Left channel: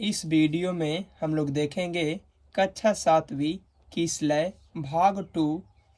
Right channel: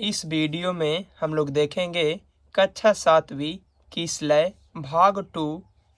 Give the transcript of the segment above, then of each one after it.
इस वीडियो में हम लोग देखेंगे कक्षा 7वीं की स्लय भाग 2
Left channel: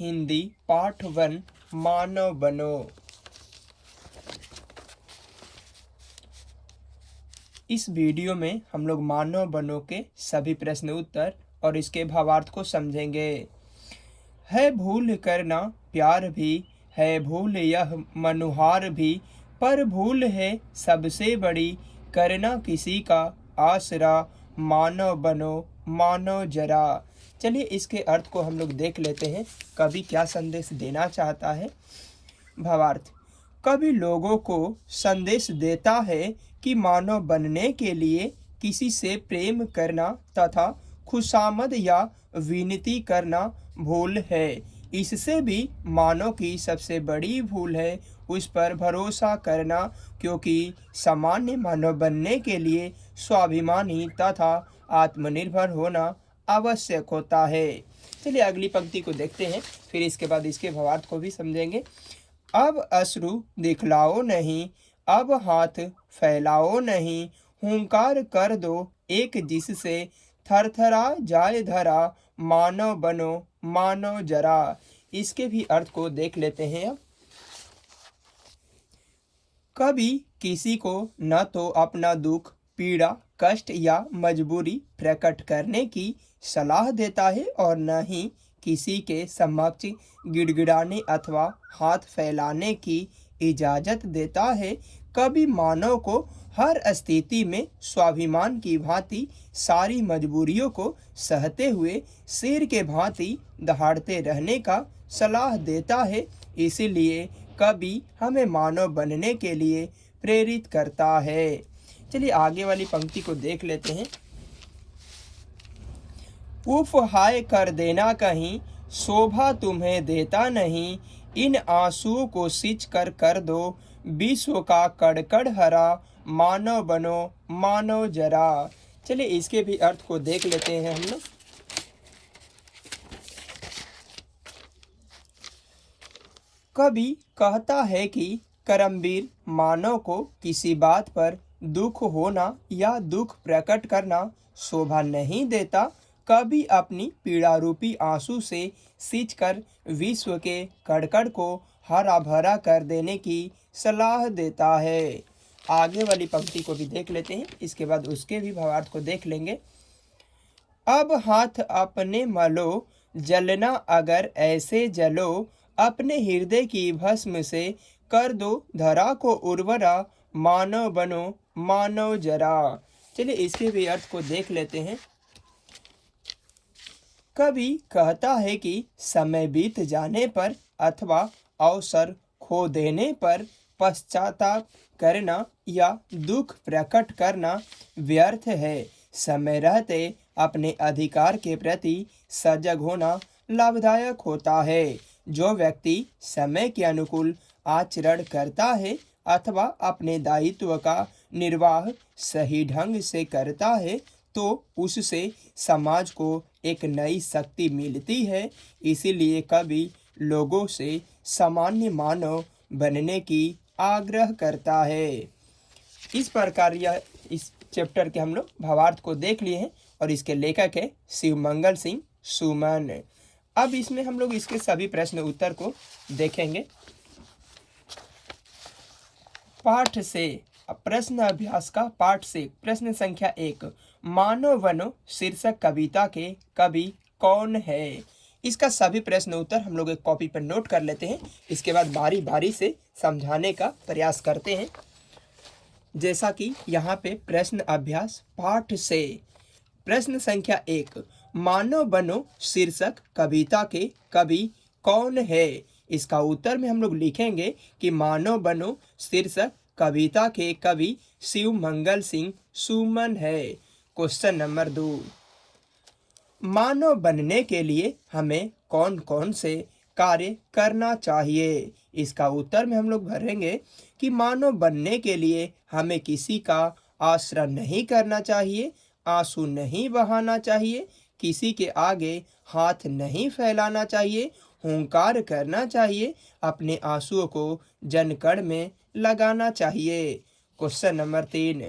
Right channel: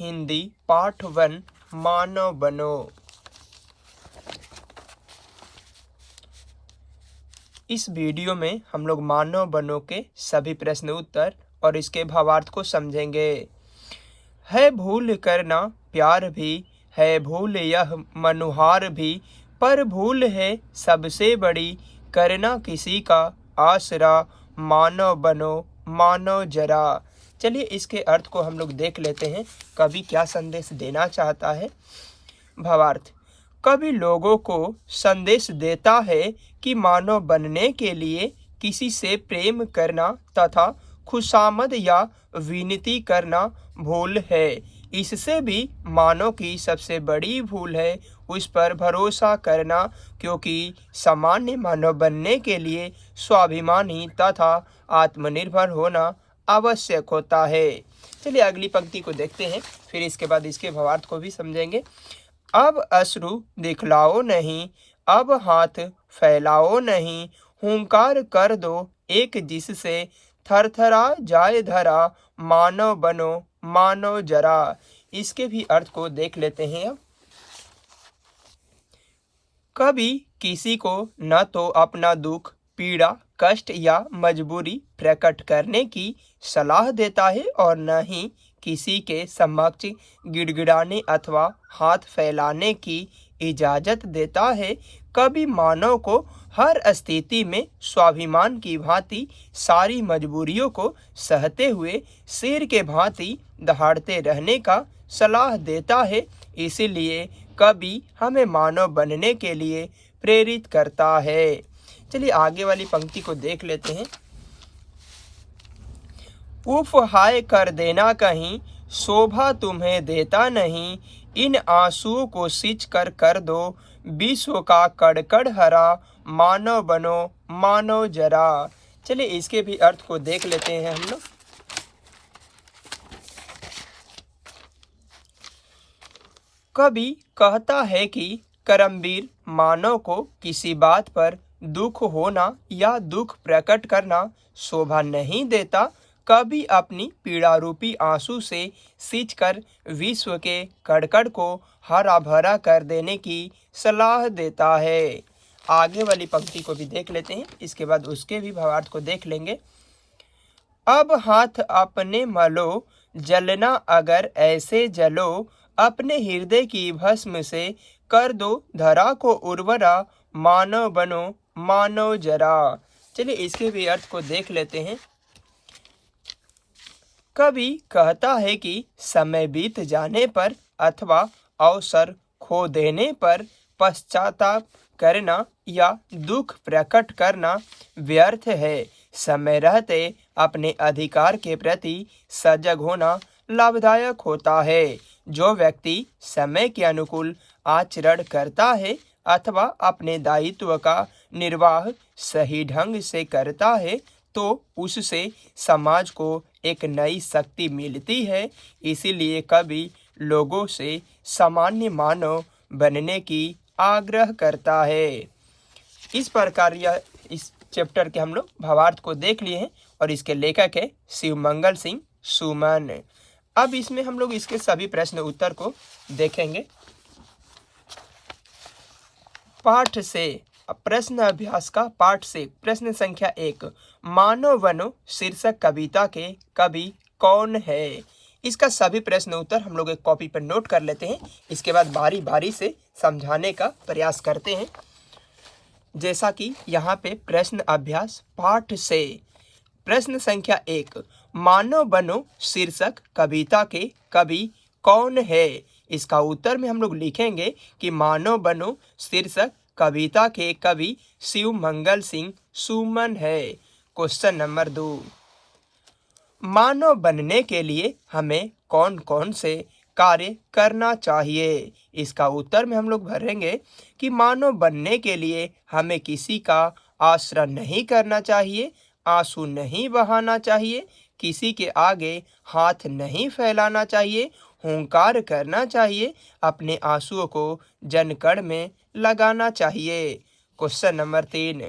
हिंदी पाठ 1 मानव बनो। इस वीडियो में हम लोग मानव बनो के सभी प्रश्न उत्तर और इसके भावार्थ को समझेंगे। है भूल करना प्यार भी, है भूल यह मनुहार भी, पर भूल है सबसे बड़ी, करना किसी का आसरा, मानव बनो मानव जरा। चलिए इसके अर्थ को हम लोग देख लेते हैं। कवि क्या संदेश देना चाहता है। भावार्थ: कवि लोगों को संदेश देता है कि मानव बनने के लिए किसी से प्रेम करना तथा खुशामद या विनती करना भूल है। इससे भी मानव की सबसे बड़ी भूल है उस पर भरोसा करना, क्योंकि सामान्य मानव बनने के लिए स्वाभिमानी तथा आत्मनिर्भर होना आवश्यक होता है। चलिए अगली पंक्ति को देखते हैं, फिर इसके बाद इसके भावार्थ को भी समझेंगे। अब अश्रु दिखलाओ नहीं, अब हाथ फैलाओ नहीं, हुंकार कर दो एक जिससे थरथरा जाए धरा, मानव बनो मानव जरा। इसके भी अर्थ को देख लेते हैं। अब कभी किसी को न तो अपना दुख, पीड़ा, कष्ट या मजबूरी प्रकट करने की सलाह देता है और न ही किसी के समक्ष गिड़गिड़ाने अथवा हाथ फैलाने की इजाजत देता है। कभी मानव को हर स्थिति में स्वाभिमान की भांति सारी मजबूरियों को सहते हुए शेर के भांति दहाड़ते रहने का सलाह देता है। इसीलिए कवि हमें मानव बनने के लिए प्रेरित करता है। चलिए आगे वाली पंक्ति को देख लेते हैं। उफ हाय कर देना कहीं, शोभा तुम्हें देता नहीं, इन आंसुओं को सींच कर दो विश्व का कड़कड़ हरा, मानव बनो मानव जरा। चलिए इसके भी अर्थ को देख लेते हैं हम लोग। कवि कहता है कि कर्मवीर मानव को किसी बात पर दुख होना या दुख प्रकट करना शोभा नहीं देता। कवि अपनी पीड़ा रूपी आंसू से सींचकर विश्व के कड़कड़ को हरा भरा कर देने की सलाह देता है। आगे वाली पंक्ति को भी देख लेते हैं, इसके बाद उसके भी भावार्थ को देख लेंगे। अब हाथ अपने मलो, जलना अगर ऐसे जलो, अपने हृदय की भस्म से कर दो धरा को उर्वरा, मानव बनो मानव जरा। चलिए इसके भी अर्थ को देख लेते हैं। कवि कहता है कि समय बीत जाने पर अथवा अवसर खो देने पर पश्चाताप करना या दुख प्रकट करना व्यर्थ है। समय रहते अपने अधिकार के प्रति सजग होना लाभदायक होता है। जो व्यक्ति समय के अनुकूल आचरण करता है अथवा अपने दायित्व का निर्वाह सही ढंग से करता है, तो उससे समाज को एक नई शक्ति मिलती है। इसीलिए कवि लोगों से सामान्य मानव बनने की आग्रह करता है। इस प्रकार यह इस चैप्टर के हम लोग भावार्थ को देख लिए हैं और इसके लेखक है शिवमंगल सिंह सुमन। अब इसमें हम लोग इसके सभी प्रश्न उत्तर को देखेंगे। पाठ से प्रश्न अभ्यास का पाठ से प्रश्न संख्या 1, मानव बनो शीर्षक कविता के कवि कौन है। इसका सभी प्रश्न उत्तर हम लोग एक कॉपी पर नोट कर लेते हैं। इसके बाद बारी बारी से समझाने का प्रयास करते हैं। जैसा कि यहाँ पे प्रश्न अभ्यास पाठ से प्रश्न संख्या 1, मानव बनो शीर्षक कविता के कवि कौन है। इसका उत्तर में हम लोग लिखेंगे कि मानव बनो शीर्षक कविता के कवि शिवमंगल सिंह सुमन है। क्वेश्चन नंबर 2, मानव बनने के लिए हमें कौन कौन से कार्य करना चाहिए। इसका उत्तर में हम लोग भरेंगे कि मानव बनने के लिए हमें किसी का आश्रय नहीं करना चाहिए, आंसू नहीं बहाना चाहिए, किसी के आगे हाथ नहीं फैलाना चाहिए, हुंकार करना चाहिए, अपने आंसुओं को जनकण में लगाना चाहिए। क्वेश्चन नंबर 3,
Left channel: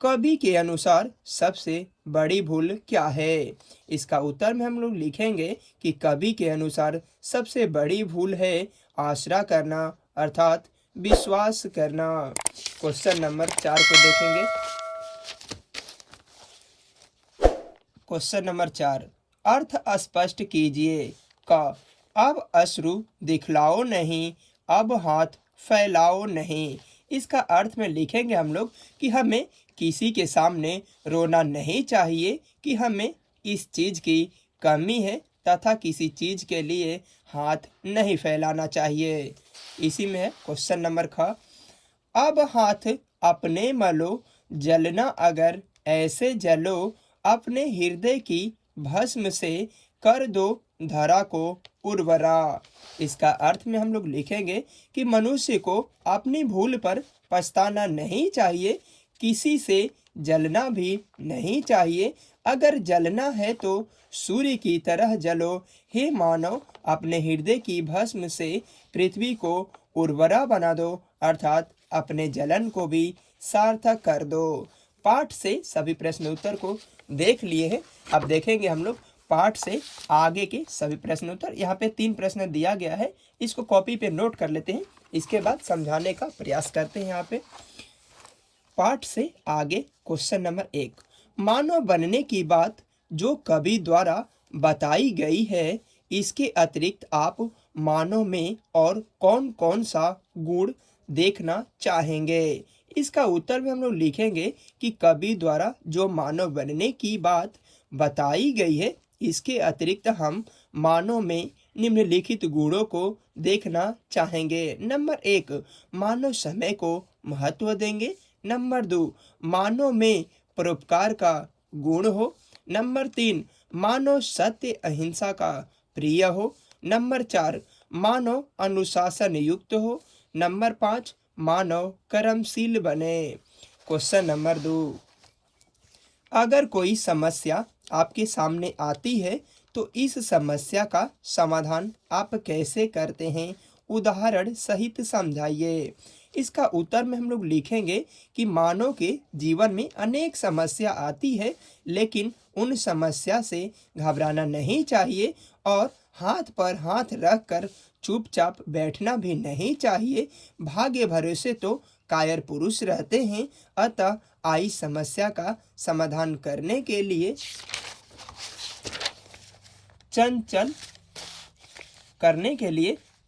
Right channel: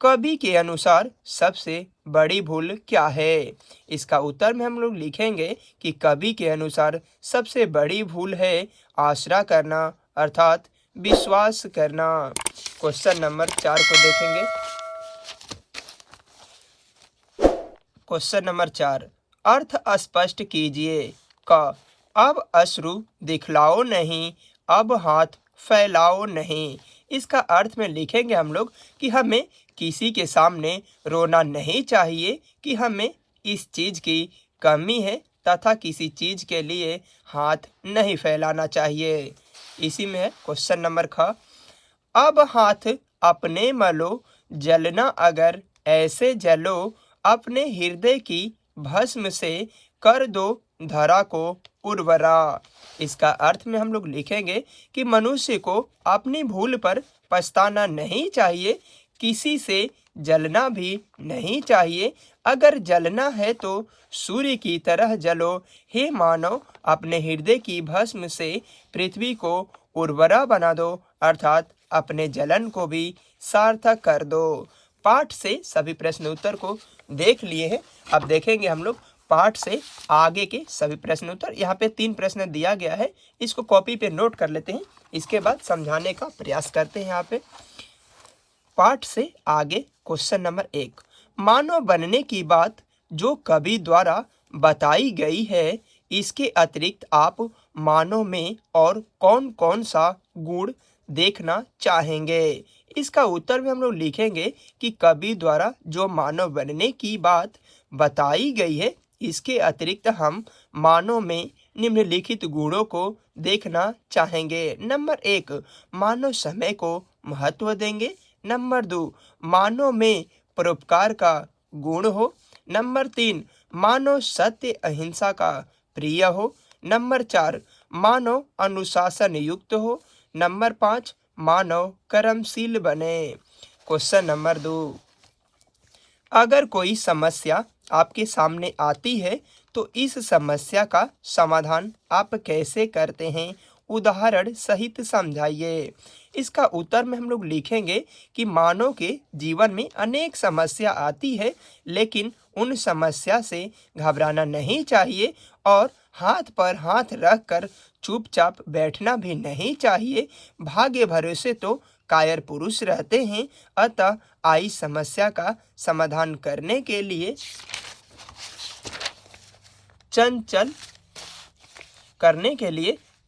कवि के अनुसार सबसे बड़ी भूल क्या है? इसका उत्तर में हम लोग लिखेंगे कि कवि के अनुसार सबसे बड़ी भूल है आसरा करना, अर्थात विश्वास करना। क्वेश्चन नंबर 4 को देखेंगे। क्वेश्चन नंबर 4, अर्थ स्पष्ट कीजिए। क, अब अश्रु दिखलाओ नहीं, अब हाथ फैलाओ नहीं। इसका अर्थ में लिखेंगे हम लोग कि हमें किसी के सामने रोना नहीं चाहिए, कि हमें इस चीज़ की कमी है तथा किसी चीज़ के लिए हाथ नहीं फैलाना चाहिए। इसी में है क्वेश्चन नंबर ख, अब हाथ अपने मलो, जलना अगर ऐसे जलो, अपने हृदय की भस्म से कर दो धरा को उर्वरा। इसका अर्थ में हम लोग लिखेंगे कि मनुष्य को अपनी भूल पर पछताना नहीं चाहिए, किसी से जलना भी नहीं चाहिए। अगर जलना है तो सूर्य की तरह जलो। हे मानव, अपने हृदय की भस्म से पृथ्वी को उर्वरा बना दो, अर्थात अपने जलन को भी सार्थक कर दो। पाठ से सभी प्रश्न उत्तर को देख लिए हैं। अब देखेंगे हम लोग पाठ से आगे के सभी प्रश्न उत्तर। यहाँ पे 3 प्रश्न दिया गया है, इसको कॉपी पे नोट कर लेते हैं, इसके बाद समझाने का प्रयास करते हैं। यहाँ पे पाठ से आगे क्वेश्चन नंबर 1, मानव बनने की बात जो कवि द्वारा बताई गई है, इसके अतिरिक्त आप मानव में और कौन कौन सा गुण देखना चाहेंगे? इसका उत्तर में हम लोग लिखेंगे कि कवि द्वारा जो मानव बनने की बात बताई गई है, इसके अतिरिक्त हम मानव में निम्नलिखित गुणों को देखना चाहेंगे। नंबर 1, मानव समय को महत्व देंगे। नंबर 2, मानव में परोपकार का गुण हो। नंबर 3, मानव सत्य अहिंसा का प्रिय हो। नंबर 4, मानव अनुशासन युक्त हो। नंबर 5, मानव कर्मशील बने। क्वेश्चन नंबर 2, अगर कोई समस्या आपके सामने आती है तो इस समस्या का समाधान आप कैसे करते हैं? उदाहरण सहित समझाइए। इसका उत्तर में हम लोग लिखेंगे कि मानव के जीवन में अनेक समस्या आती है, लेकिन उन समस्या से घबराना नहीं चाहिए और हाथ पर हाथ रख कर चुपचाप बैठना भी नहीं चाहिए। भाग्य भरोसे तो कायर पुरुष रहते हैं, अतः आई समस्या का समाधान करने के लिए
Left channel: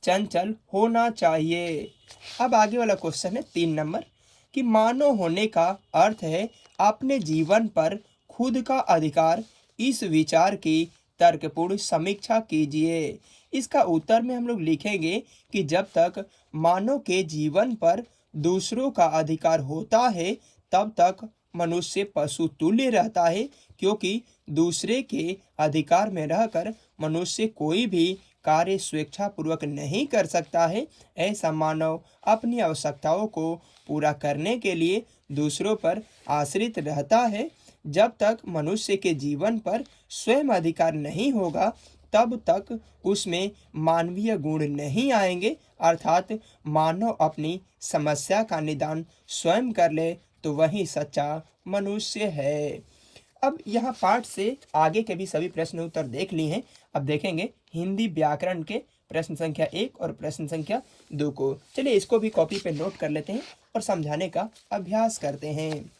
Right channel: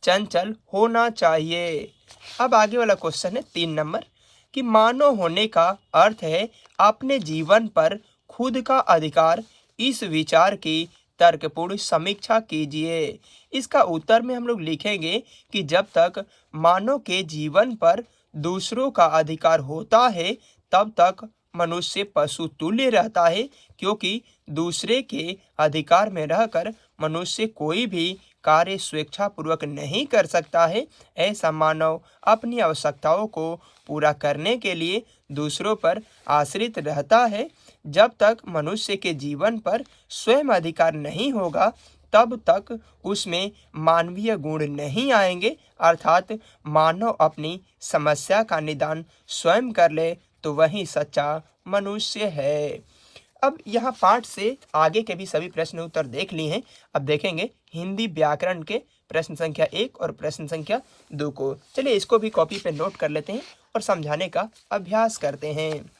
चंचल होना चाहिए। अब आगे वाला क्वेश्चन है 3 नंबर, कि मानव होने का अर्थ है अपने जीवन पर खुद का अधिकार। इस विचार की तर्कपूर्ण समीक्षा कीजिए। इसका उत्तर में हम लोग लिखेंगे कि जब तक मानव के जीवन पर दूसरों का अधिकार होता है, तब तक मनुष्य पशु तुल्य रहता है, क्योंकि दूसरे के अधिकार में रहकर मनुष्य कोई भी कार्य स्वेच्छापूर्वक नहीं कर सकता है। ऐसा मानव अपनी आवश्यकताओं को पूरा करने के लिए दूसरों पर आश्रित रहता है। जब तक मनुष्य के जीवन पर स्वयं अधिकार नहीं होगा, तब तक उसमें मानवीय गुण नहीं आएंगे, अर्थात मानव अपनी समस्या का निदान स्वयं कर ले तो वही सच्चा मनुष्य है। अब यहाँ पाठ से आगे के भी सभी प्रश्न उत्तर देख लिए हैं। अब देखेंगे हिंदी व्याकरण के प्रश्न संख्या 1 और प्रश्न संख्या 2 को। चलिए इसको भी कॉपी पे नोट कर लेते हैं और समझाने का अभ्यास करते हैं।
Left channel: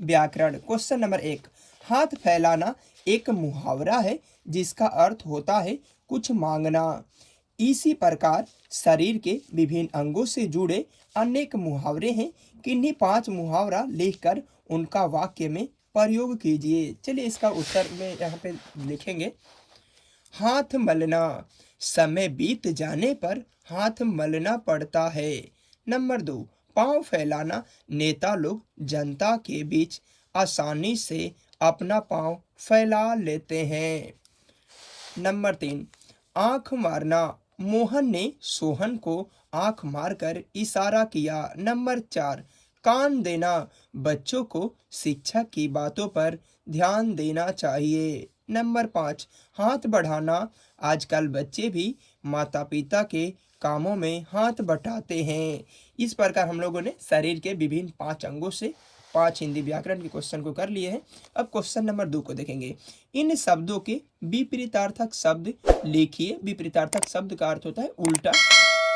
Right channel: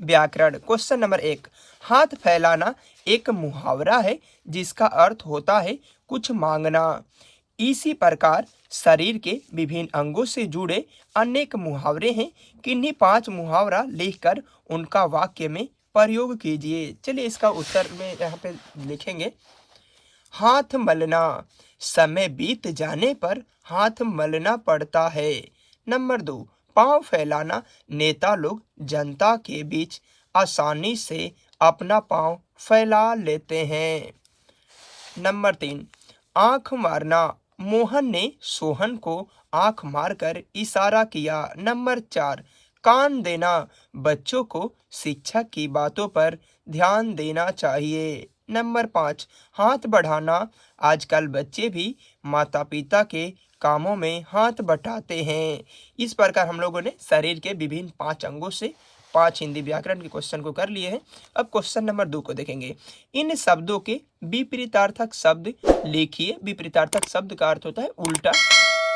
व्याकरण क्वेश्चन नंबर 1, हाथ फैलाना एक मुहावरा है जिसका अर्थ होता है कुछ मांगना। इसी प्रकार शरीर के विभिन्न अंगों से जुड़े अनेक मुहावरे हैं। किन्हीं 5 मुहावरा लिखकर उनका वाक्य में प्रयोग कीजिए। चलिए इसका उत्तर में यहाँ पे लिखेंगे, हाथ मलना, समय बीत जाने पर हाथ मलना पड़ता है। नंबर 2, पांव फैलाना, नेता लोग जनता के बीच आसानी से अपना पांव फैला लेते हैं। नंबर 3, आंख मारना, मोहन ने सोहन को आंख मारकर इशारा किया। नंबर 4, कान देना, बच्चों को शिक्षक की बातों पर ध्यान देना चाहिए। नंबर 5, हाथ बढ़ाना, आजकल बच्चे भी माता पिता के कामों में हाथ बटाते हैं। इस प्रकार हम लोगों ने शरीर के विभिन्न 5 अंगों से 5 हिंदी व्याकरण के क्वेश्चन को कर लिए हैं। अब क्वेश्चन नंबर 2 को देखेंगे। इन शब्दों के विपरीतार्थक शब्द लिखिए। विपरीतार्थक शब्द का अर्थ होता है उल्टा।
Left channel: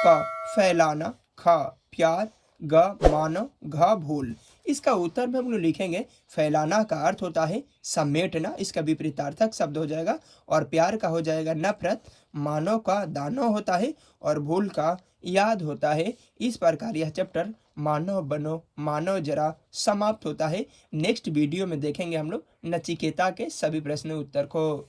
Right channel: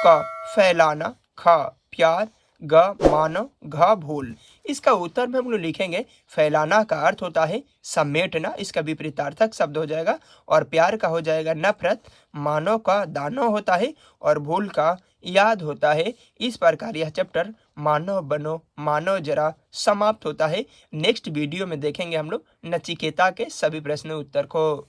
क फैलाना, ख प्यार, ग मानव, घ भूल। इसका उत्तर में हम लोग लिखेंगे फैलाना का अर्थ होता है समेटना, इसका विपरीतार्थक शब्द हो जाएगा। और प्यार का हो जाएगा नफरत, मानव का दानव होता है और भूल का याद होता है। इस प्रकार यह चैप्टर मानव बनो मानव जरा समाप्त होता है। नेक्स्ट वीडियो में देखेंगे हम लोग नचिकेता के सभी प्रश्न उत्तर को।